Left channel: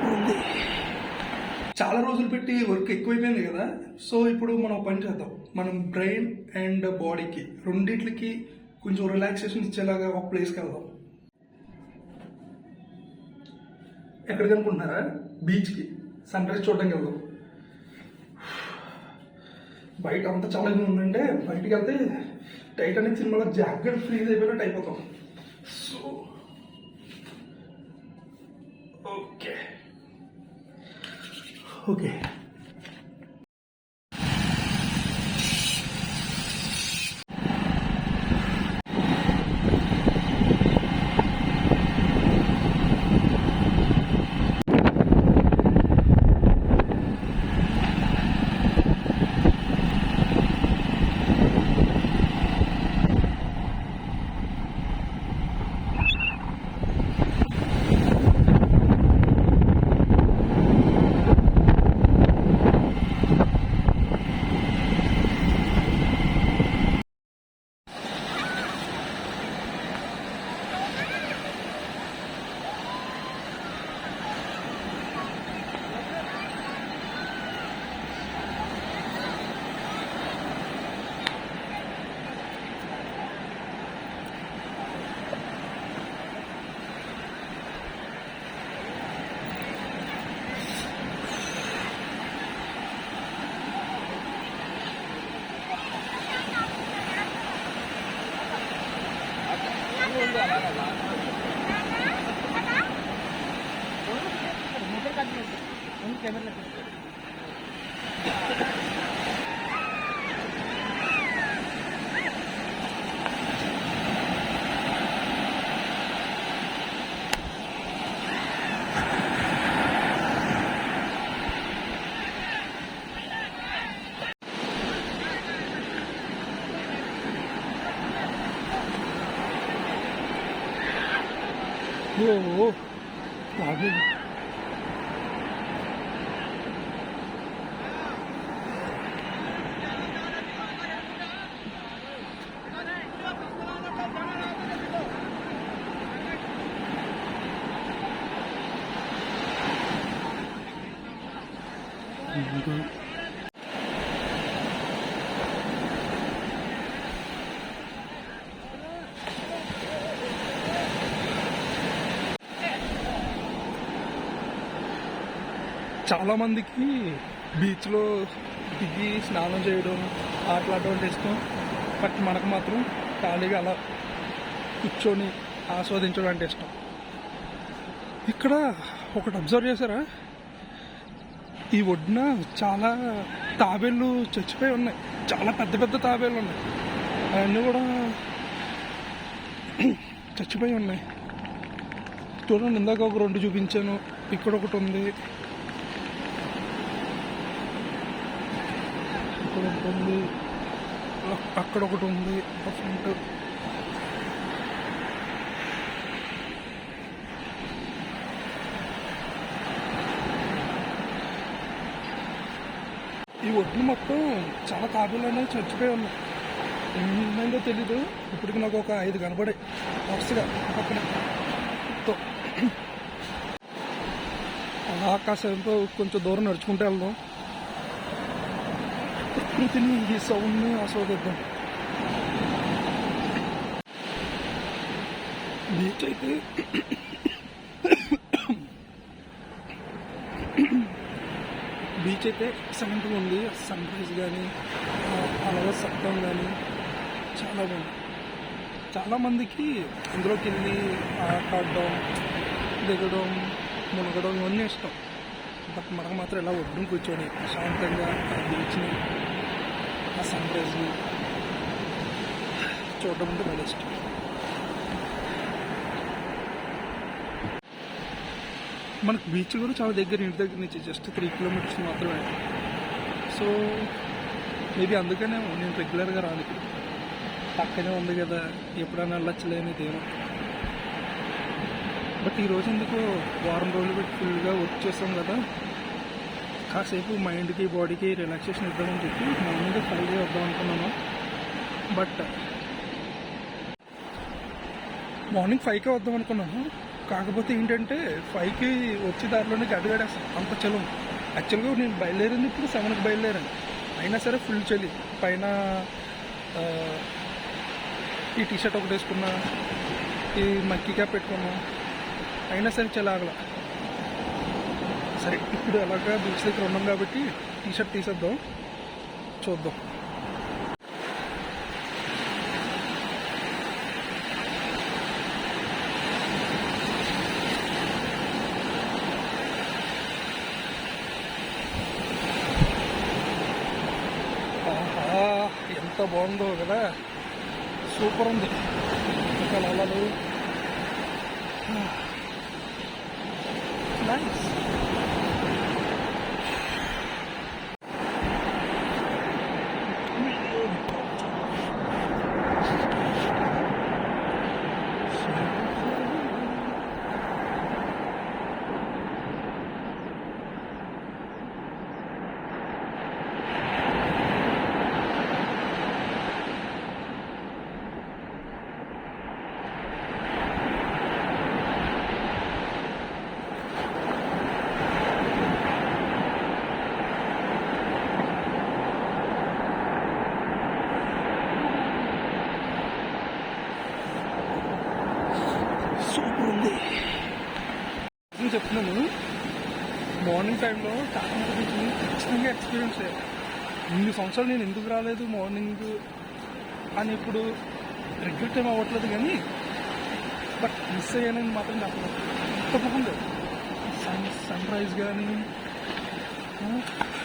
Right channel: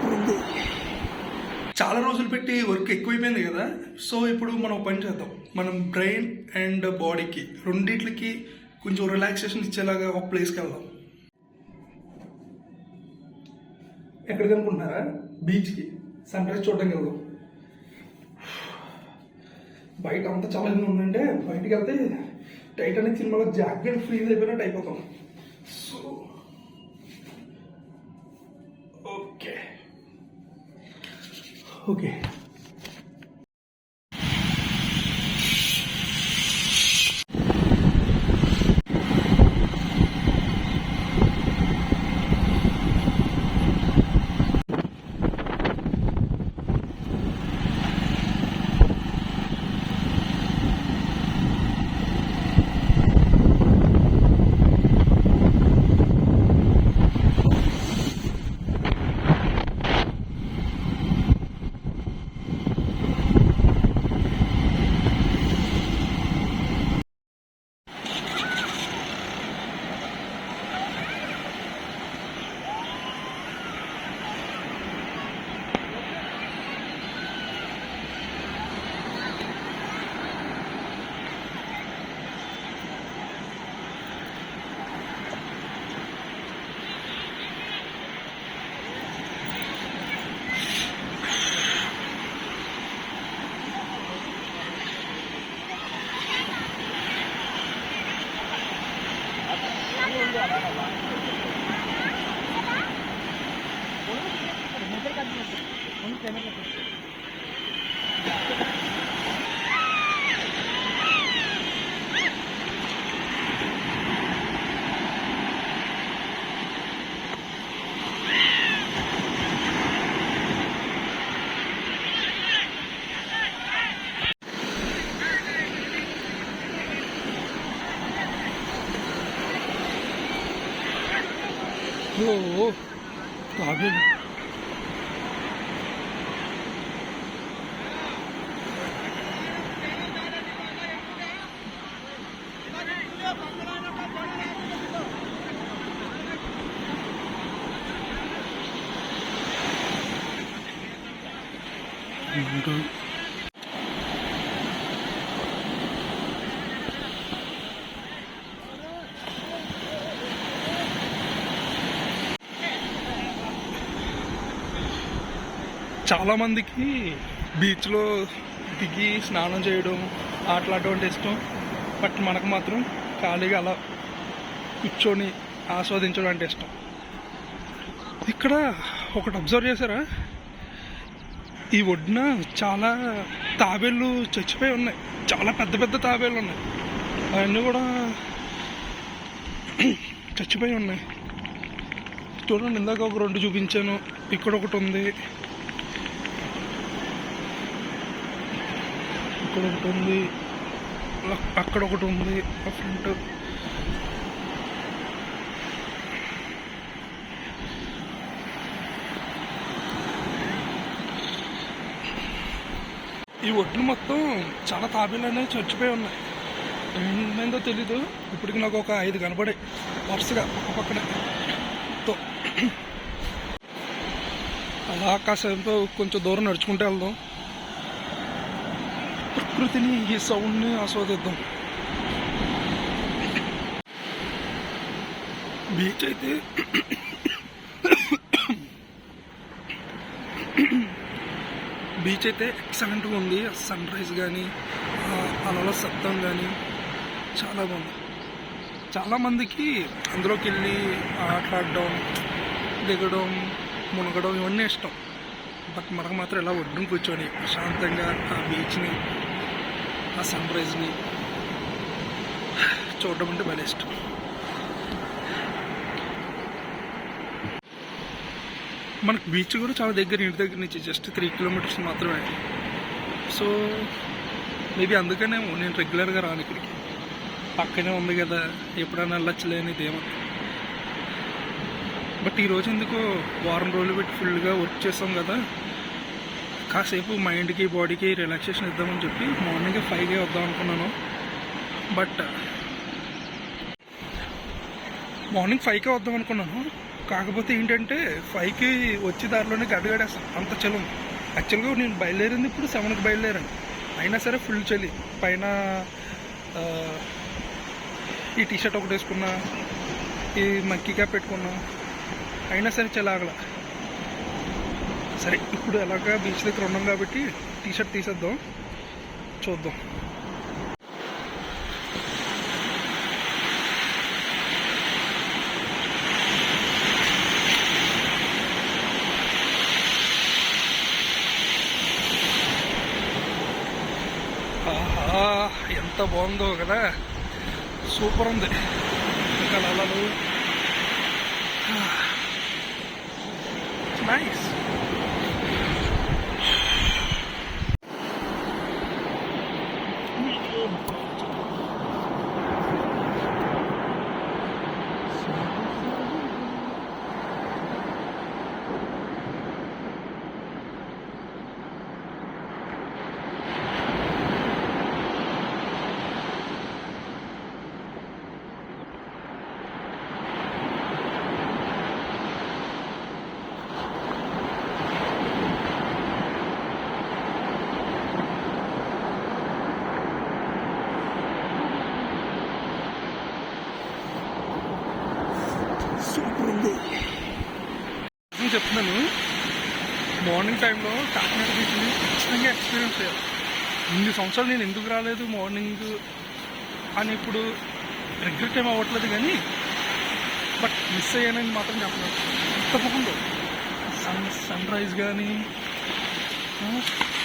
Super ఉంది. చాలా రోజులు పెట్టి వర్క్ ఎక్కువైపోయింది కదా, సో ఇప్పుడు మనం పని చేద్దాం. మనం బ్రెయిన్ అండ్ బాడీకి రెండిట్లకి కొంచెం రిలాక్సేషన్ ఇచ్చేలాగా ఒక ప్లేస్కి వెళ్దాం. ఎక్కడికి అనుకుంటున్నారా? బీచ్కి సన్ రైజ్ చూడడానికి వెళ్దాం. బయట అంతా చాలా ఉందంటే బయటికి వెళ్తే టైటానిక్ సినిమాలో జాకెట్ ఫ్రీజ్ అయిపోయినట్టు అయిపోతాం. సో ఓకే ఓకే తాబేలు. చాలామందికి బీచ్లో దిగి స్నానం చేయడం అట్లాంటి ఇష్టం. బట్ మనకు మాత్రం ఖాళీగా అలా కూర్చొని ఆస్వాదించడం అంటే ఇష్టం. ఇక్కడ ఒకటి అబ్జర్వ్ చేశారా? ఈ ఒడ్డున చాలా తాబేళ్ళు చచ్చిపోయి ఉన్నాయి. చాలా పెద్ద పెద్ద తాబేళ్ళు ఉన్నాయి. అవన్నీ కూడా చచ్చిపోయి ఉన్నాయి. చూడండి, ఇందాక ఒక 2 చూపించాను. ఇక్కడ ఒకటి ఉంది, ఇక్కడ ఒకటి ఉంది, అక్కడ ఒకటి ఉంది ఆ ఫ్రంట్. ఈ ఒడ్లు మొత్తం చాలా తాబేలు అనేవి చచ్చిపోయి ఉన్నాయి. ఏమైందో తెలీదు. ఇప్పటికి నాకు ఒక 5 కనపడాయి వరుసగా ఒక పక్కన. అలా కాసేపు కొంచెం దూరం నడుచుకుంటూ వెళ్దాం. ప్రకృతిని, ఈ సౌండ్ని ఆస్వాదిద్దాం. బీచ్ అయితే ఎక్సలెంట్గా ఉంది. సన్ రైజ్ కానీ అలల శబ్దం కానీ చాలా బాగుంది. చాలామందికి అందులోకి వెళ్ళి ఆటలాడడం, దిగడం, మునగడం ఇవన్నీ ఇష్టం. బట్ మనకు మాత్రం ఇలా ఒడ్డును కూర్చొని ప్రశాంతంగా ఆ బీచ్ని, ఆ సన్ రైజ్ని చూడడం అంటే భలే ఇష్టం. మనకు బీచ్ కూడా చాలా దగ్గర, ఇంటి దగ్గర నుంచి జస్ట్ 3 కిలోమీటర్స్ మాత్రమే. సో మేబీ అందుకనే నేను రెగ్యులర్గా రాను ఇక్కడికి. పక్కనే ఉంది కదా, ఎప్పుడైనా వెళ్ళొచ్చలేనిదేమో. బట్ ఈరోజు ఎందుకో వారం రోజులు పెట్టి ఫుల్గా వర్క్ చేస్తాం కదా, కాసేపు మైండ్కి బాడీకి రిలాక్సేషన్ ఇద్దామని చెప్పి మార్నింగ్ 5కే వద్దాం అనుకున్నాను. బట్ మార్నింగ్ 5కే వద్దాం అనుకున్నాను, కాకపోతే ఏంటంటే 5కి వచ్చే దారిలోనే గడ్డగడేస్తాం, అంత చలం. యాక్చువల్గా నేను బయలుదేరింది ఇప్పుడు 7కి బయలుదేరాను, అయినా సరే ఫుల్ చలి. పైన ఈ టీషర్ట్ ఒకటి వేసుకున్నా, ఈ మక్కీ క్యాప్ పెట్టుకున్నా, అయినా సరే చలి ఆగల. సరే ఇప్పుడు ఎలాగా బీచ్ దగ్గర ఉన్నాం కాబట్టి టీషర్ట్ తీసేద్దాం, చూద్దాం. ఆహా, ఎంత బాగుందో కదా, సూపర్ ఉంది. ఇంకా అలలు నైస్. సూపర్ ఉంది. నేను చెప్తున్నాను, మార్నింగ్ టైంలో కాకినాడ బీచ్ని ఖచ్చితంగా ఎక్స్పీరియన్స్ చేయాలి. ఇన్ని సంవత్సరాలు నేను ఎందుకు రాలేదు మార్నింగ్ అని ఇప్పుడు రిగ్రెట్ ఏం అవ్వట్లేదు, కానీ బట్ మిస్ అయ్యానని మాత్రం చెప్పలేదు. ఎంత బాగుందో సన్ రైజ్ కానీ,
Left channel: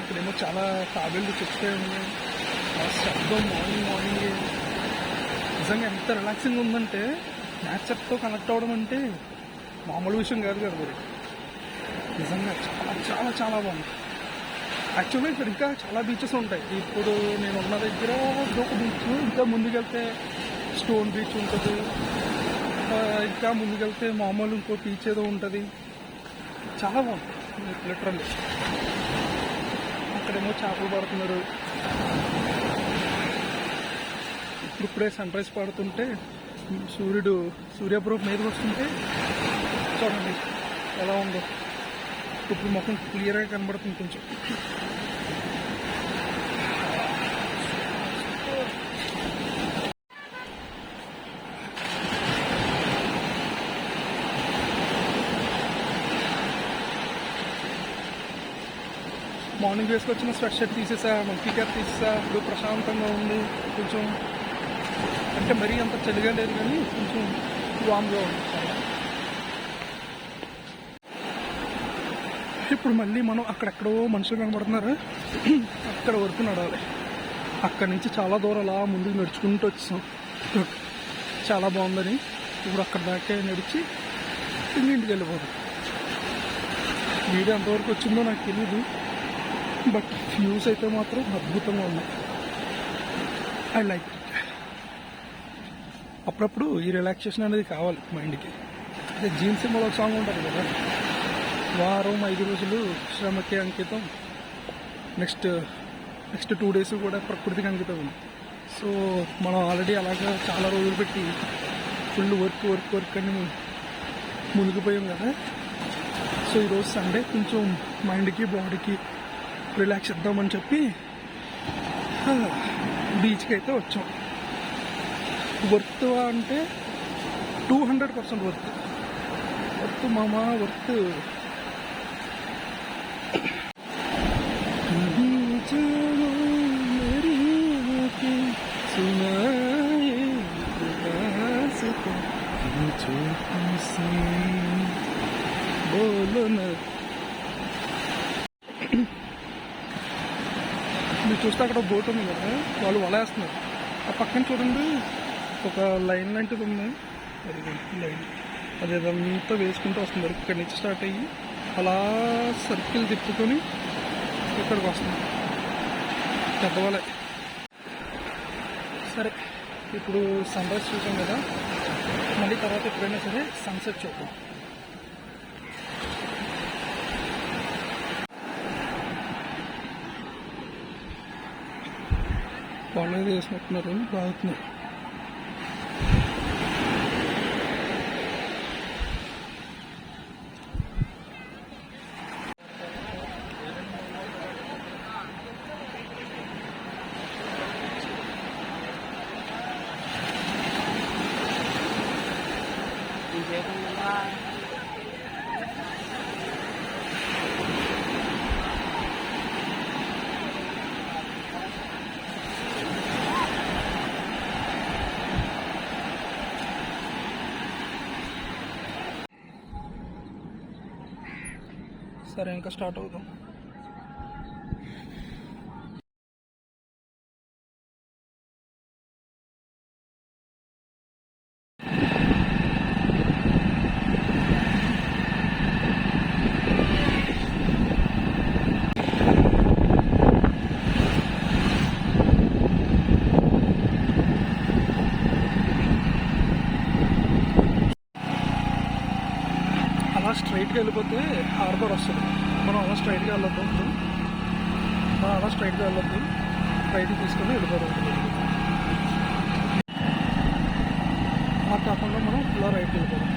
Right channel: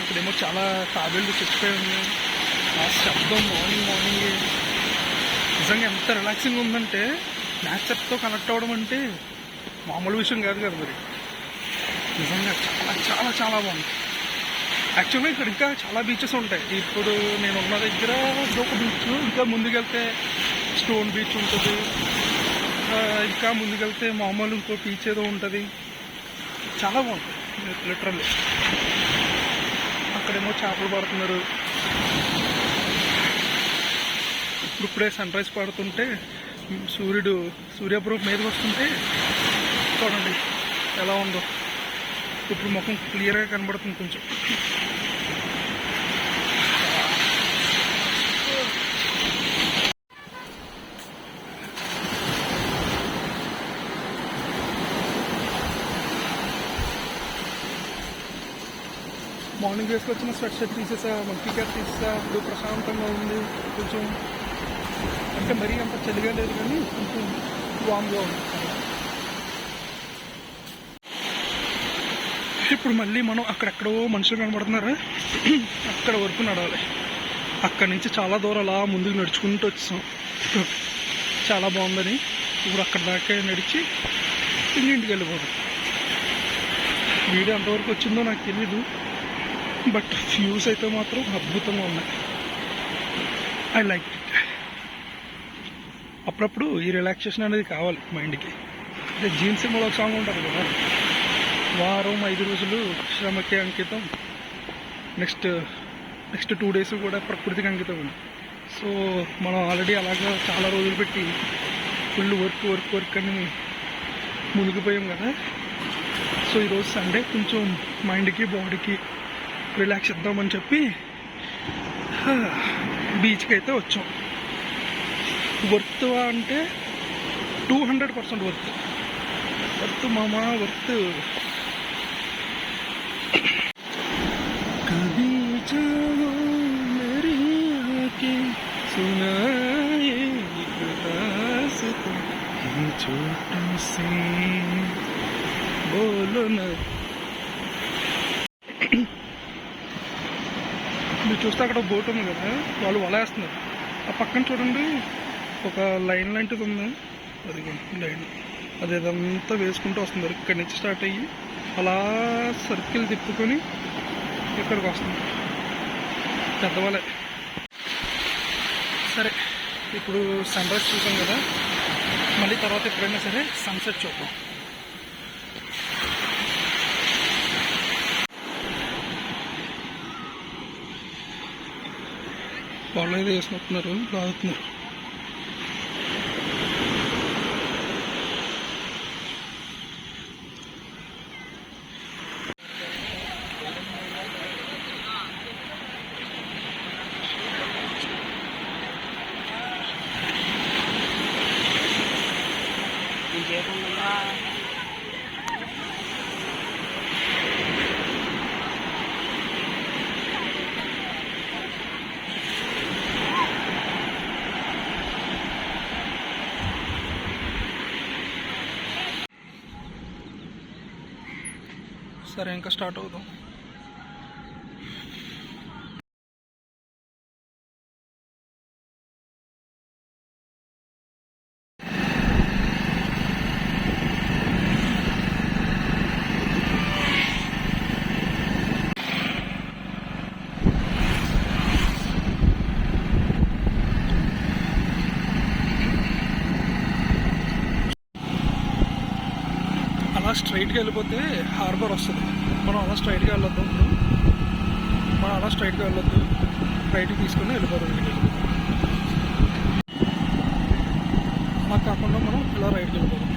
ఇక్కడేమో చాలా తాబేళ్ళు చచ్చిపోయి ఉన్నాయి. ఆ శబ్దం మార్నింగ్ నిజంగా ఎంత రిలాక్సింగ్ ఉందంటే, నేచర్తో కనెక్ట్ అవ్వడం అంటే మామూలు విషయం కాదు కదా మరి. నిజంగా చాలా చాలా చాలా బాగుంది. యాక్చువల్గా ఇక్కడ ఇంకా చాలా బీచెస్ ఉంటాయి. ఇప్పుడు నేను ఉన్న దగ్గర ఇదొక బీచ్, ఇంకా ముందుకెళ్తే స్టోన్ బీచ్ ఉంటుంది, ఇంకా ముందుకెళ్తే మామూలు ఇంకో బీచ్ ఏదో ఉంటుంది. చాలా బాగుంటుంది లిటరల్లీ. అక్కడేమో చేపలు పడుతున్నారు. ఇప్పుడే సన్ రైజ్ పడుతుంటే సూర్యప్రభ మీదకి వస్తుంటే చూడండి ఎలా ఉందో. ఇప్పుడు ముఖం క్లియర్గా కనబడుతుంది కొంచెం. మార్నింగ్ వేసుకొచ్చిన స్వెట్ షర్ట్ తీసేసా, మక్కీ క్యాప్ తీసేసా. ఇప్పుడు ప్రశాంతంగా ఉంది కొంచెం, అంటే మరీ అంత చలిగా లేదు కానీ కొంచెం వామ్గా ఉంది. ఇప్పుడు మళ్ళీ మనం అక్కడెక్కడో మనుషులు కనబడుతున్నారు, అక్కడ వరకు నడవాలి. అక్కడి నుంచి చాలా దూరం అలా ముందుకు నడుచుకుంటూ వచ్చాం. చాలా బాగుందని ఇప్పుడు అక్కడ దాకా నడిచి ఇంటికి వెళ్ళిపోతాం. వీడియో ఎంతవరకు వచ్చిందో నాకు తెలీదు, బట్ వ్యూస్ అయితే మాత్రం అద్భుతంగా ఉన్నాయి. I like it. అప్పుడప్పుడు ఈ రిలాక్సేషన్ అనేది కావాలి మైండ్కి. అదే జీన్ సినిమాలో ఒక సాంగ్ ఉంటుంది కదా, వారం 5 రోజులు శ్రమకి అంకితం, నెక్స్ట్ 2 days కూడా ప్రకృతికి అంకితం ఉంది. సో మనం ఆల్రెడీ అలాగా చాలా రోజులు పెట్టి ఫుల్ వర్క్ అని మునిగిపోయాం కదా. సో ఈరోజు సండే కొంచెం మైండ్కి బాడీకి రిలాక్స్ ఇద్దామని చెప్పి బీచ్కి అయితే వచ్చాం. వర్త్ అంటే 200% వర్త్ మామా, వర్త్. కభీ జావో మేరీ ఆంఖేं సునాయే రాస్తా ఈ छोटी सी बोलो ना. మీరు చూస్తే అక్కడ బోట్ ఉంది కదా, వాళ్ళు వల వేస్తున్నారు. ఆ పక్కన చూడండి ఒక లైన్ లాంటిది ఉంది, అది లైన్ అది ఇదంతా వేసుకుంటూ వస్తున్నారు. ఇక్కడి నుంచి స్టార్ట్ అయ్యి అలా సర్కిల్ తిప్పుకొని ఇక్కడికి వస్తుంది పెద్దవాళ్ళే. సరే ఇప్పుడు సన్ రైజ్ చూసాం కదా, మళ్ళీ తర్వాత ఎప్పుడైనా సరే సన్సెట్ చూద్దాం. వాళ్ళు ఏదో వేసినట్టున్నారు, లాగుతున్నారు. సరే ఇంకా స్టార్ట్ అవుదాం. అలా స్ట్రైట్గా వెళ్ళిపోతే హార్బర్ వస్తుంది. మనం అలా స్ట్రైట్గా వెళ్ళొద్దు. ఇప్పుడు మనం అలా స్ట్రైట్గా వెళ్ళొద్దు, రైట్కి తీసుకొని వెళ్ళిపోదాం. అలా కాకుండా మనం ఇలా రైట్కి వెళ్ళిపోదాం.